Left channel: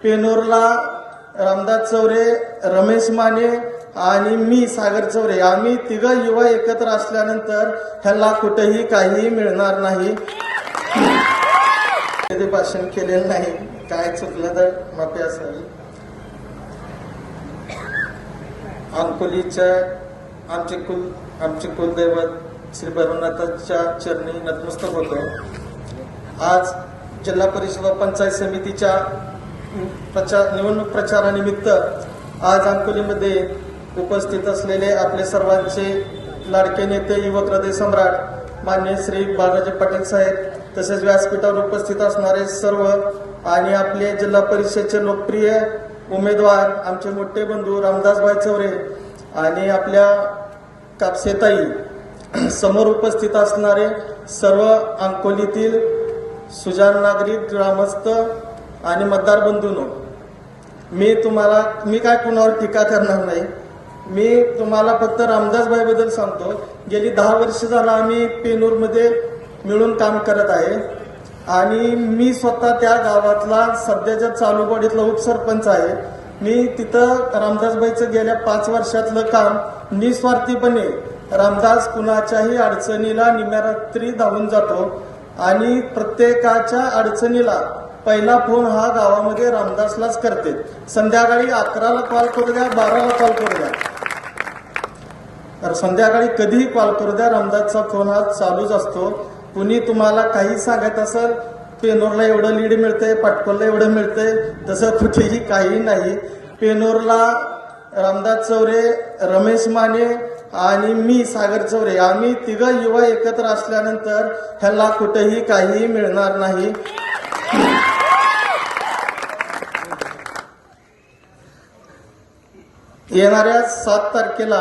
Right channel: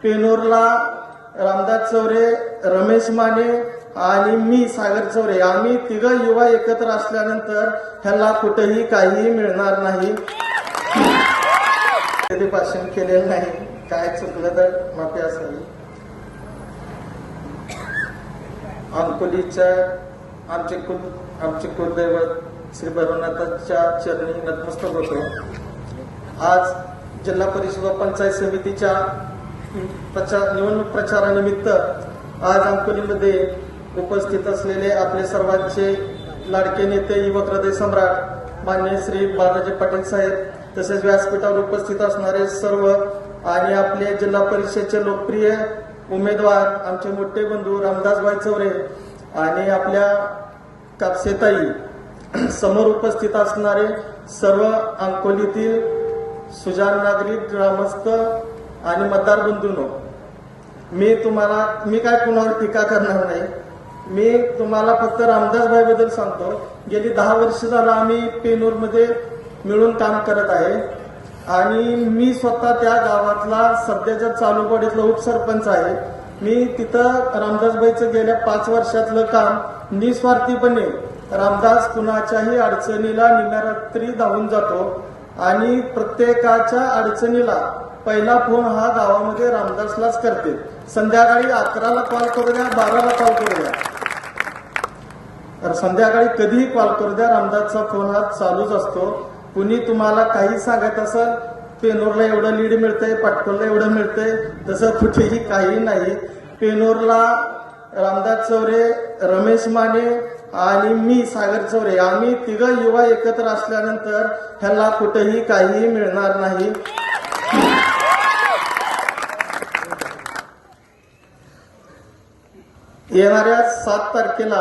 पेनोरला रामदास चौरे, रमेश माने आणि मी सागर चौरे आम्ही तिघ युवा एकत्र असल्यानंतर ह्याला कुठेही काही मिळणार नाही. कधी भाषण केलेलं नाही, काय चुकलं तर माफी असावी. अंकोलीच्या आमचे कुलदैवत श्री भैरवनाथांच्या चरणी नतमस्तक होतो. आज जिल्हा परिषद व पंचायत समितीच्या निवडणूक प्रचारानिमित्त आज अंकोलीमध्ये उपस्थित असलेले आपले सर्वांचे लाडके नेते युवक हृदय सम्राट माननीय श्री बाळाजी पाटील साहेब, तसेच व्यासपीठावर उपस्थित असणारे सर्व आणि आपले जिल्हा परिषदेचे लोकप्रिय उमेदवार आमचे मोठे बंधू रामदासभाई चौरे आणि आपल्या कापसेताई, समोर उपस्थित असणारे सर्व अंकोलीतील सुजाण नागरिक, ग्रामस्थ आणि मतदार बंधूंनो, मी काय कुणावर टीका करणार नाही. मी तुम्हाला फक्त रामदासभाई बद्दल सांगतो. गेली 10 वर्ष झालं आम्ही पेनूरमध्ये मिळून काम करत आहे आणि मी स्वतः त्या गावातला सध्याच्या चालू बॉडीतला उपसरपंच आहे. मी तिथं रामदासभाईचं गेल्या 5 वर्षातलं काम निस्वार्थीपणे रामदास कुणाच्याही अडचणीला निम्यारात्री धावून जातो आणि प्रत्येकाच्या अडचणीला पहिला फोन हा गावामध्ये रामदासलाच करते. संध्याकाळी 11ला कॉल करू द्या, 12ला कॉल करू द्या, तर संध्याकाळी कधीही कॉल करू द्या, रामदासचा फोन हा चालूच असतो. कुणी तुम्हाला काही सांगत असाल, पेनोरला एवढं लीड मिळतंय, पाटकोलला एवढं मिळतंय, तसं कुठेही काही नाही. पेनोरला रामदास चौरे, रमेश माने आणि मी सागर चौरे आम्ही तिघ युवा एकत्र असल्यानंतर ह्याला कुठेही काही मिळणार नाही. येणाऱ्या 7 तारखेला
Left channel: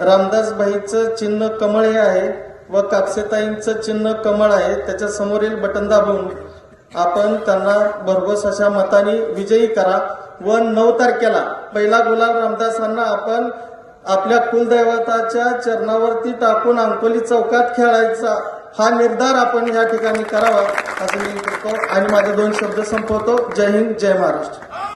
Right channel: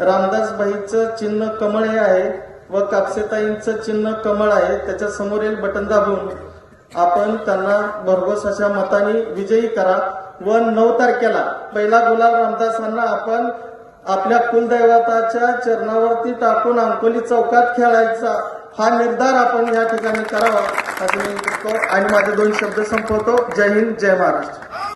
रामदासभाईचं चिन्ह कमळ हे आहे व कापसेताईंचं चिन्ह कमळ आहे. त्याच्या समोरील बटन दाबून आपण त्यांना भरघोस अशा मताने विजयी करा व 9 तारखेला पहिला गुलाल रामदासांना आपण आपल्या कुलदैवताच्या चरणावरती टाकून अंकोली चौकात खेळायचा हा निर्धार आपण या ठिकाणी करावा असं मी करतो आणि माझे 2 शब्द संपवतो. जय हिंद, जय महाराष्ट्र.